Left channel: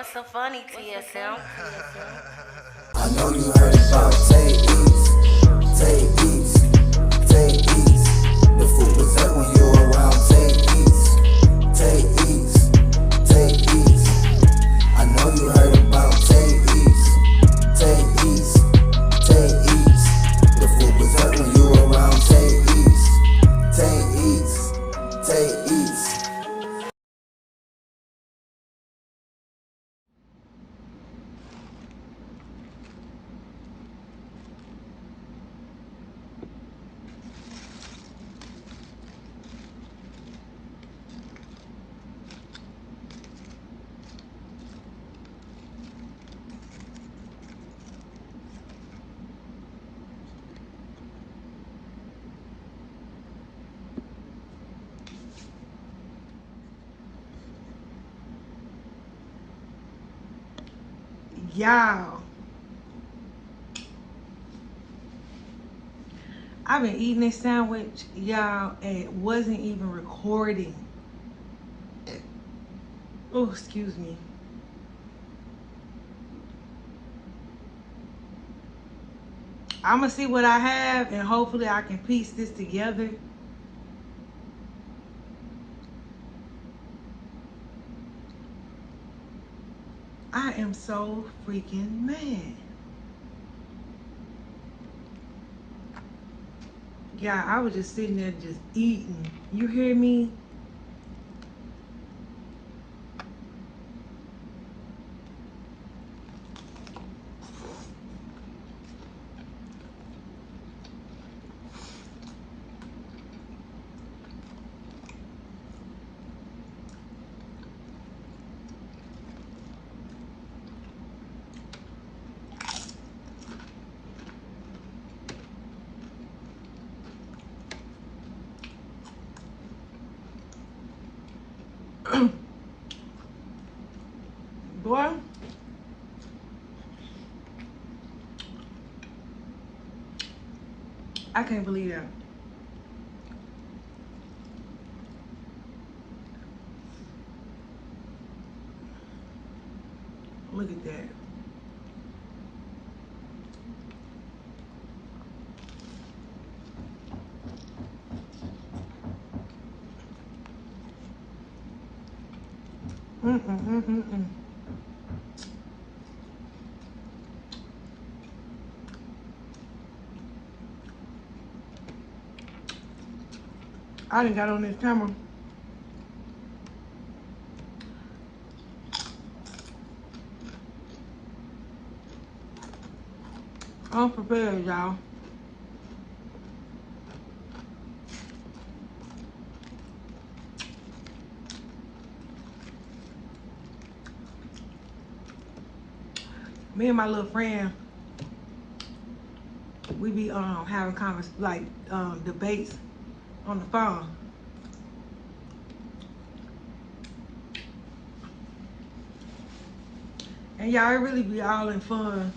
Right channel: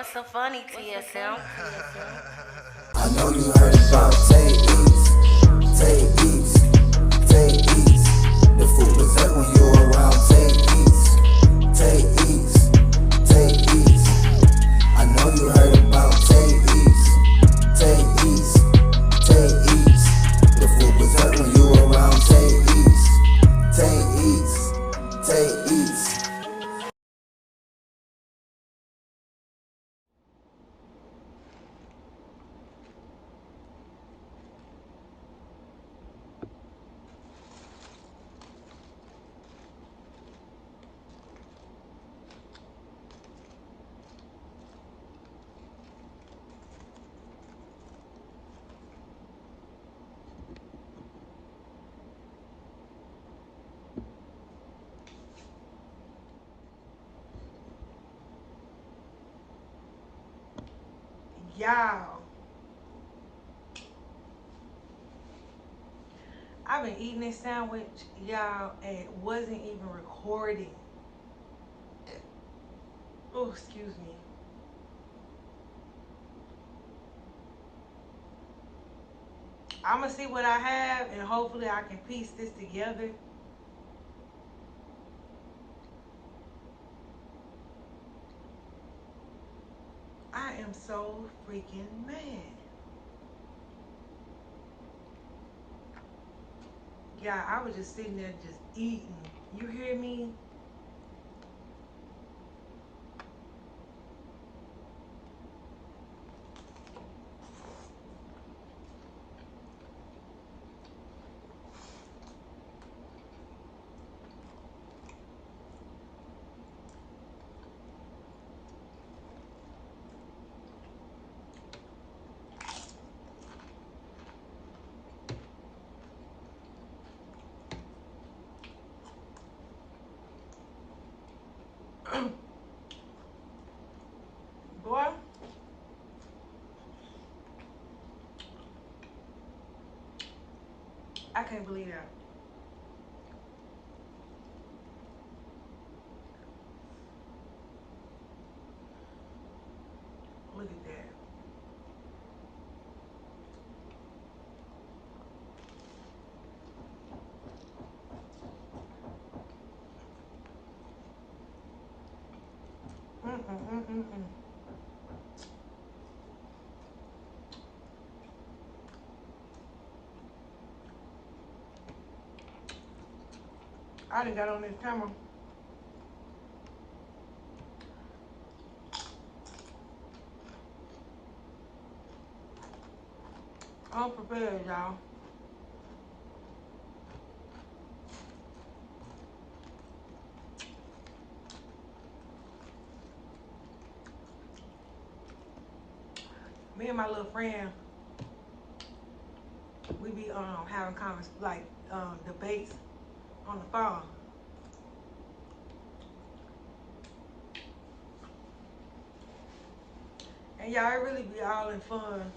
What's so funny, TSM? I know you heard about Tay East, Tay East, Tay East. The food was there when you were around Tay East, Tay East, Tay East. I know you heard about Tay East, Tay East, Tay East. The food was there when you were around Tay East, Tay East, Tay East. Y'all, I've been eating this sandwich, y'all, and it wasn't even recording. Oh, excuse me. I'm gonna see what I have, and hopefully I can piece this together. I am so freaking mad. Yeah, I was just sitting there just eating. You hear me? Boy, I can't believe that. Look at that. Mm-mm-mm-mm-mm. I done got on this camera. I'm prepared, y'all. Me and my little friend, we be having debates on the phone. And y'all, it really be all in fun.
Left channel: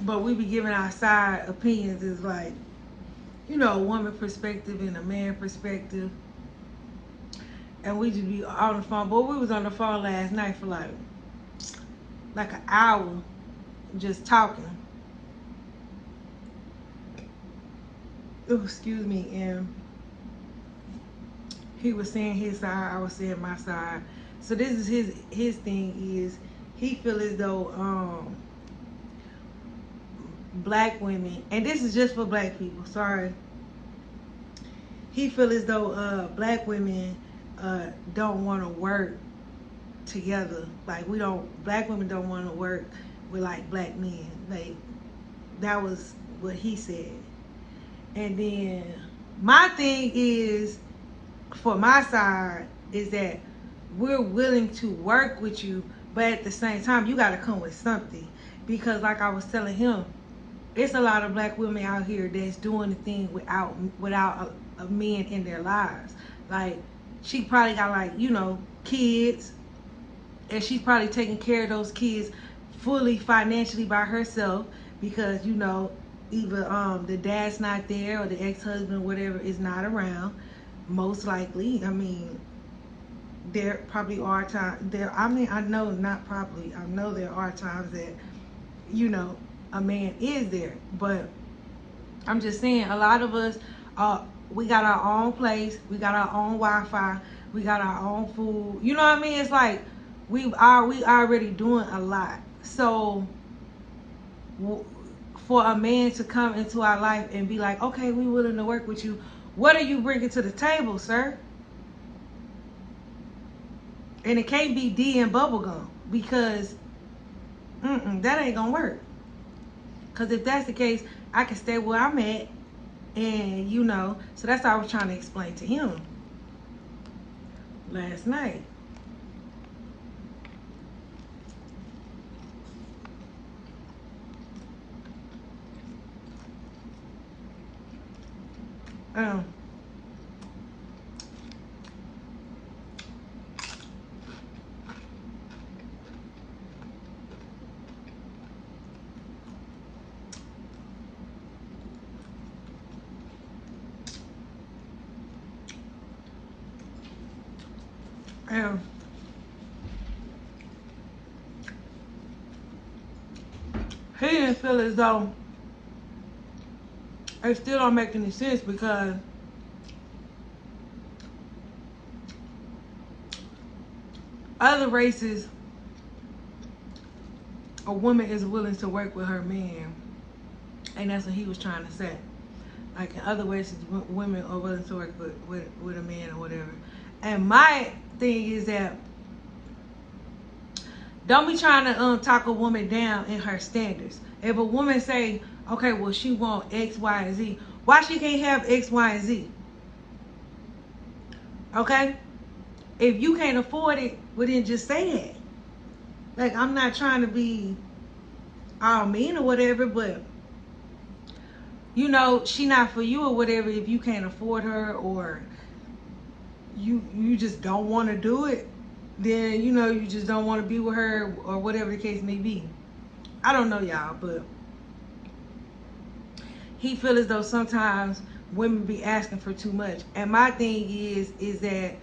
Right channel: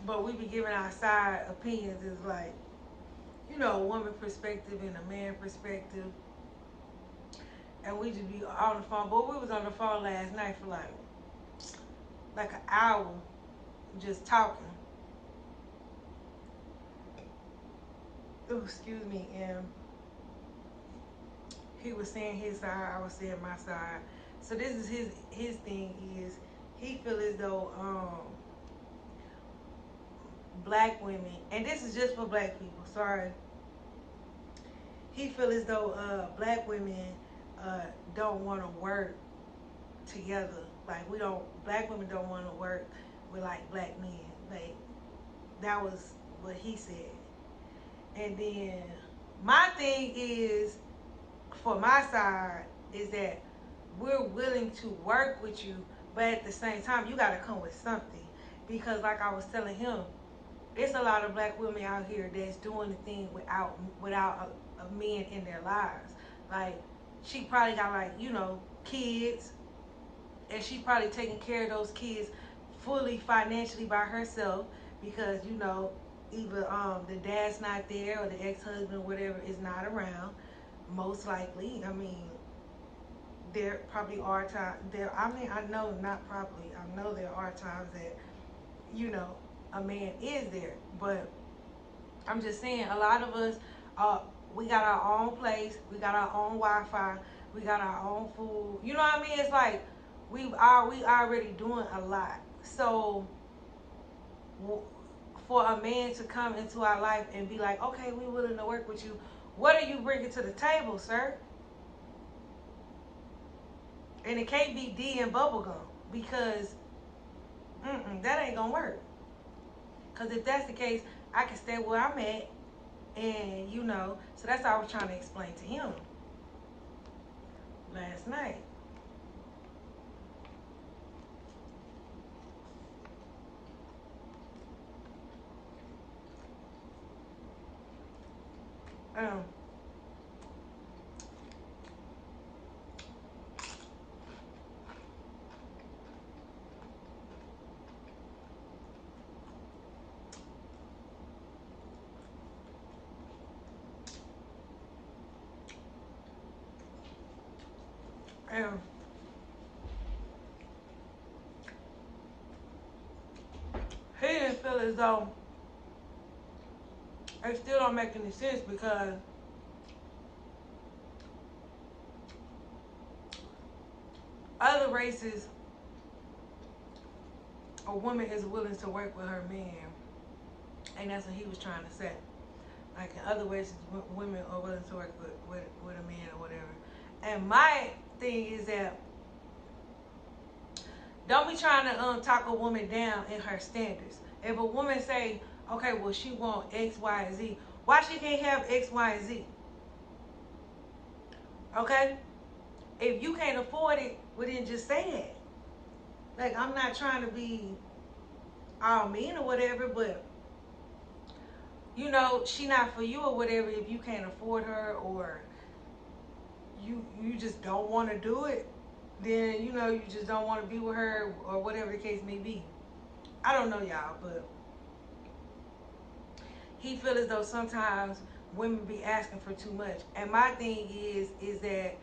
But we be giving our side opinions is like, you know, a woman perspective and a man perspective. And we just be on the phone. But we was on the phone last night for like an hour just talking. Oh, excuse me. And he was saying his side, I was saying my side. So this is his thing is he feel as though black women, and this is just for black people, sorry. He feel as though black women don't want to work together. Like black women don't want to work with like black men. Like that was what he said. And then my thing is, for my side, is that we're willing to work with you, but at the same time, you got to come with something. Because like I was telling him, it's a lot of black women out here that's doing the thing without a man in their lives. Like, she probably got, like, you know, kids, and she's probably taking care of those kids fully financially by herself, because, you know, either the dad's not there or the ex-husband or whatever is not around, most likely. I mean, there probably are times there. I mean, I know not probably. I know there are times that, you know, a man is there, but I'm just saying a lot of us, we got our own place, we got our own Wi-Fi, we got our own food. You know what I mean? It's like we already doing a lot. So for a man to come into our life and be like, okay, we willing to work with you. What are you bringing to the table, sir? And it can't be D and bubblegum because that ain't gonna work. Because if that's the case, I can stay where I'm at, and you know, so that's what I was trying to explain to him last night. Um, um, he didn't feel as though it still don't make any sense because other races, a woman is willing to work with her man, and that's what he was trying to say. Like in other races, women are willing to work with a man or whatever. And my thing is that don't be trying to talk a woman down in her standards. If a woman say, okay, well she want X, Y, and Z, why she can't have X, Y, and Z? Okay? If you can't afford it, well then just say that. Like, I'm not trying to be all mean or whatever, but you know, she not for you or whatever if you can't afford her, or you just don't want to do it, then you know you just don't want to be with her or whatever the case may be. I don't know y'all, but he feel as though sometimes women be asking for too much. And my thing is that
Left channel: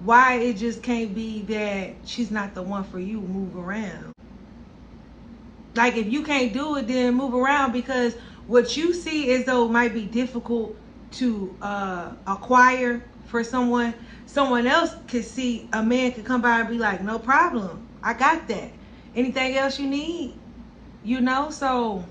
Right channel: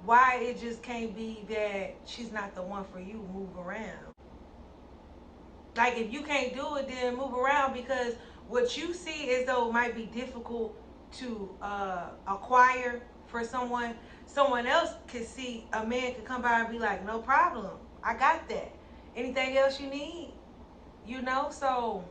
why it just can't be that she's not the one for you, move around. Like if you can't do it, then move around, because what you see as though it might be difficult to acquire for someone else could see, a man could come by and be like, no problem, I got that. Anything else you need, you know? So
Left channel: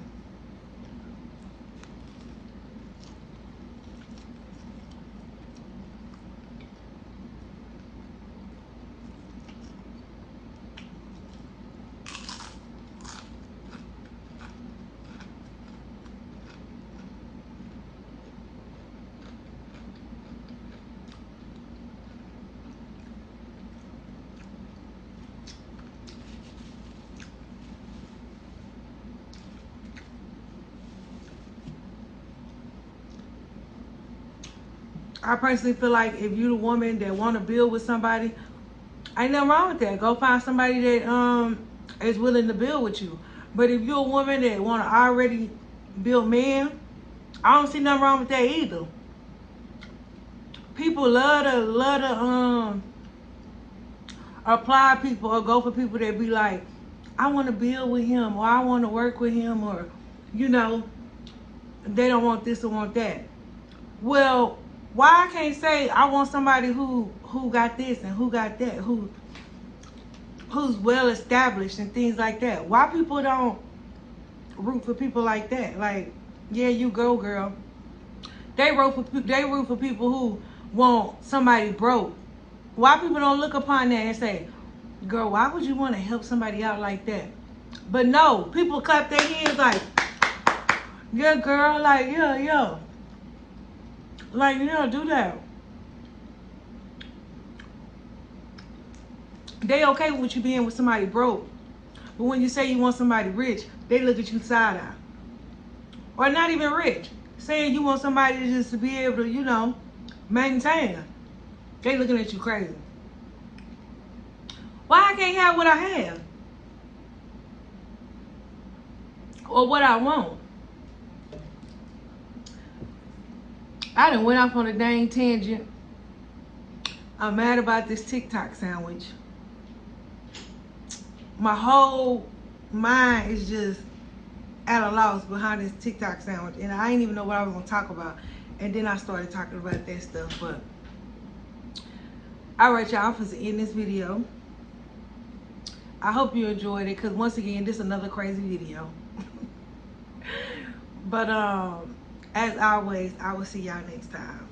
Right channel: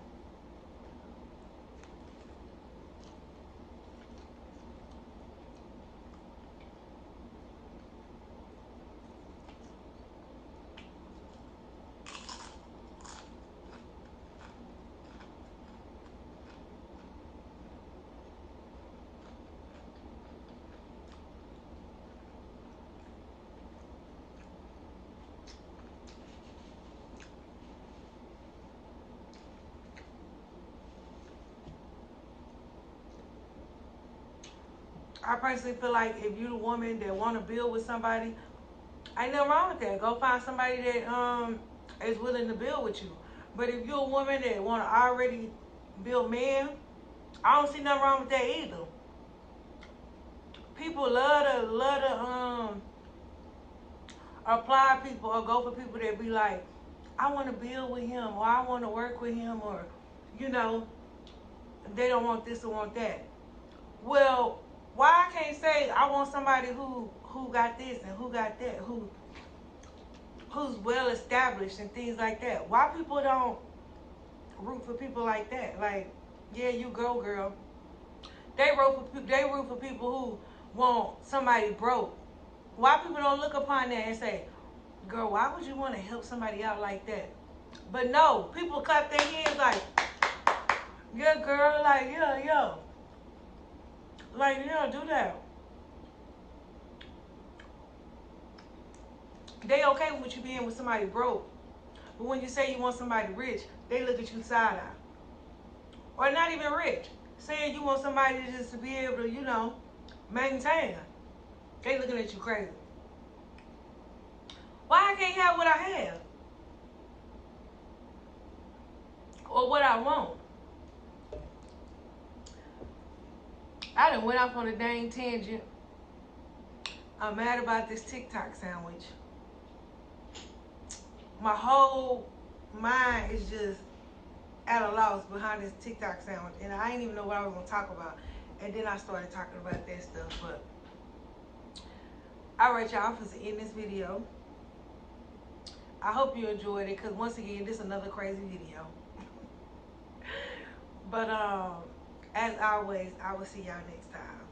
I personally feel like if you're the woman that want to build with somebody, ain't nothing wrong with that. Go find somebody that is willing to build with you. But if you're a woman that want to already build man, I don't see nothing wrong with that either. People love to apply people or go for people that be like, I want to build with him, or I want to work with him, or you know, they don't want this or want that. Well, why I can't say I want somebody who got this and who got that, who's well established and things like that? Why people don't root for people like that? Like, yeah, you go, girl. They root for people who want somebody broke. Why people don't look upon that and say, girl, why would you want to help somebody out like that? But no, people clap their hands like, yeah, girl, like, yeah. Like, yeah, do that. They okay with you being with somebody broke. But when you say you want somebody rich, they look at you side eye. Or not even rich. Saying you want somebody just to be able to, you know, maintain. They looking at you crazy. Why I can't have what I have? Or what I want? I done went off on a dang tangent. I'm mad about this TikTok sandwich. My whole mind is just at a loss behind this TikTok sandwich, and I didn't even know what I was gonna talk about. And then I started talking about that stuff. But all right, y'all, I'm finna end this video. I hope you enjoyed it, because once again, this is another crazy video. But as always, I will see y'all next time.